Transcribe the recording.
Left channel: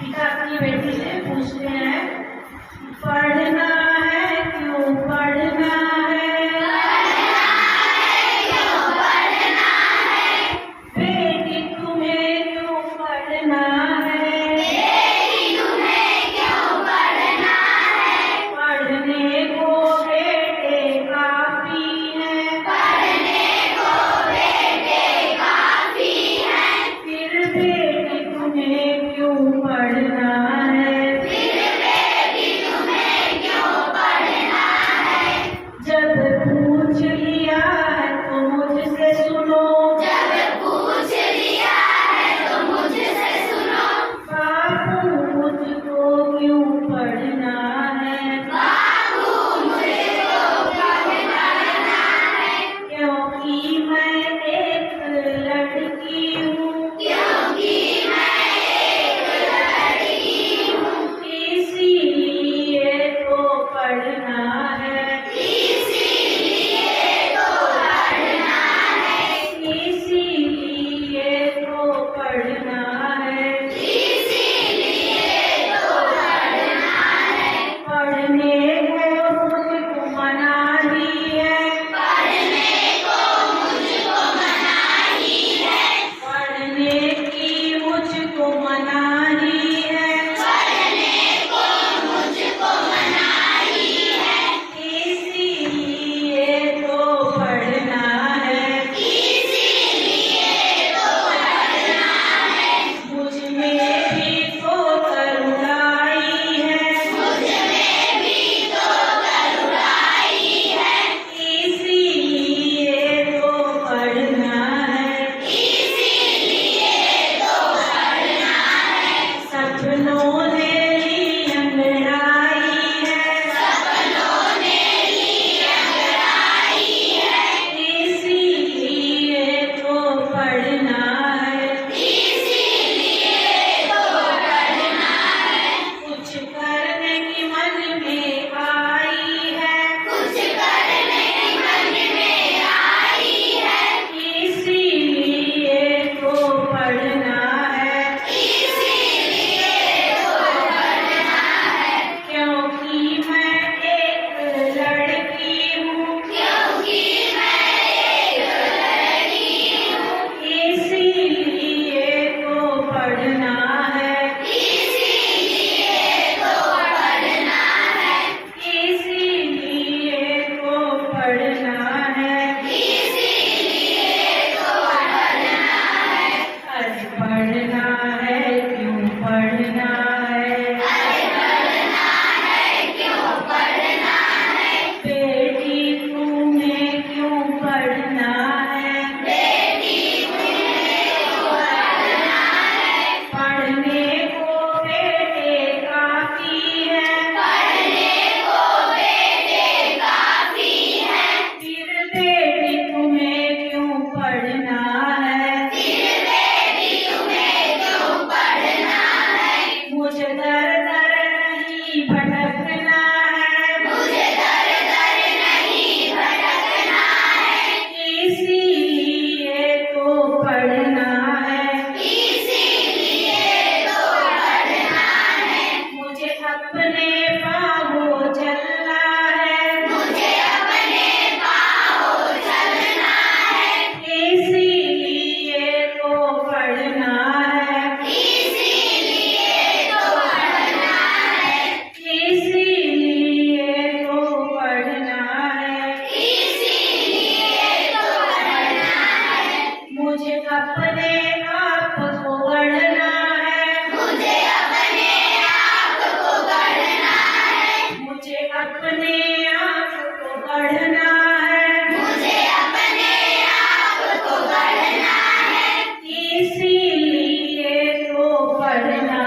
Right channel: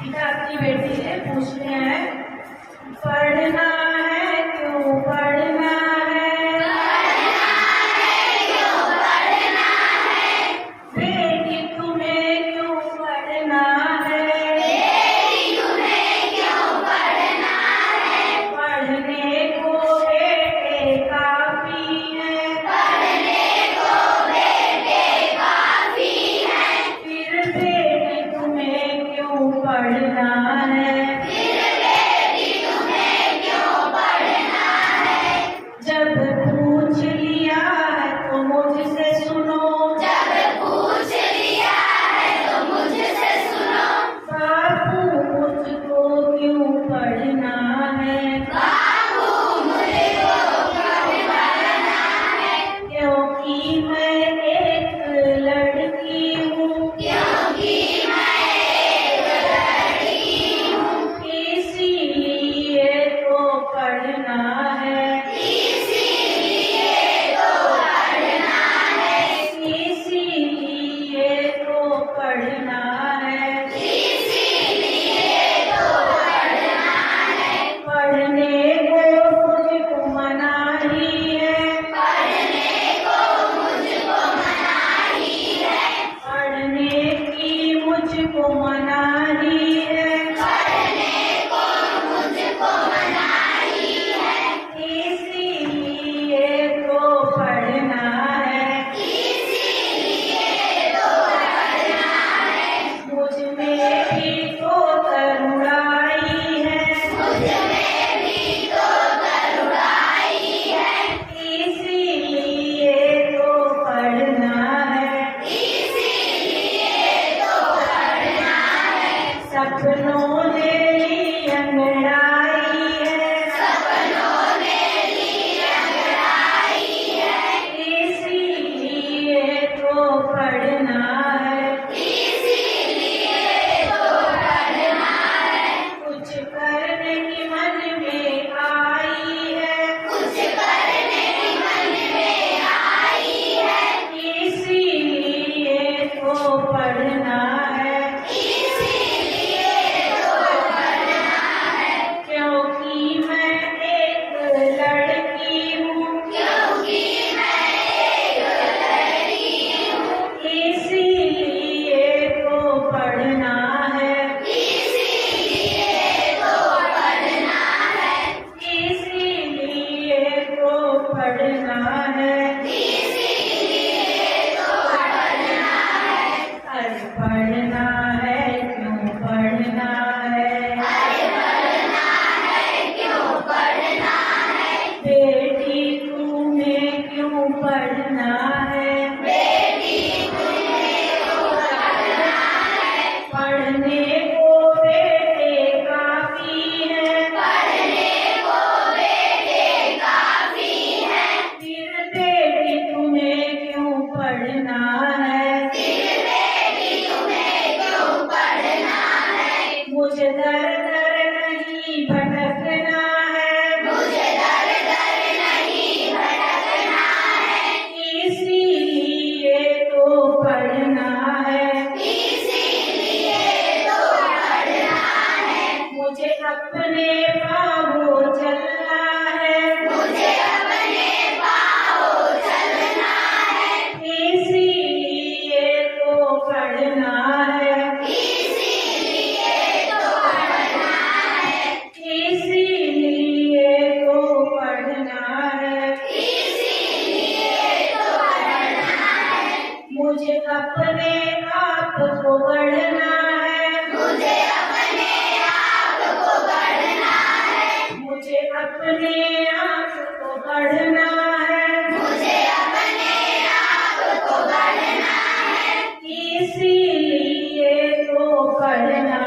पिता अपनी बेटी से पूछते हैं, पढ़ना है क्यों पढ़ना है, बेटी तुम्हें क्यों पढ़ना है, पढ़ने को बेटे काफी है, फिर बेटी तुम्हें क्यों पढ़ना है, जब पूछ लिया है तो मुझसे सुनो, बापू मुझको क्यों पढ़ना है, क्योंकि मैं एक लड़की हूँ, इसीलिए तो पढ़ना है, इसीलिए तो पढ़ना है, पढ़ने को मुझको मनाही है, पढ़ने की मुझको मनाही है, इसीलिए तो पढ़ना है, मुझ में भी तो करुणाई है, इसीलिए तो पढ़ना है, सपनों ने ली अंगड़ाई है, इसीलिए तो पढ़ना है, कुछ करने की मन में आई है, इसीलिए तो पढ़ना है, क्योंकि मैं एक लड़की हूँ, इसीलिए तो पढ़ना है, इसीलिए तो पढ़ना है, अरे पढ़ना है क्यों पढ़ना है, बेटी तुम्हें क्यों पढ़ना है, पढ़ने को बेटे काफी है, फिर बेटी तुम्हें क्यों पढ़ना है, मुझे दर दर नहीं भटकना है, इसीलिए तो पढ़ना है, मुझे अपने पाँवों चलना है, इसीलिए तो पढ़ना है, इसीलिए तो पढ़ना है, मुझे अपने आप को गढ़ना है, मुझे अपने आप को गढ़ना है, इसीलिए तो पढ़ना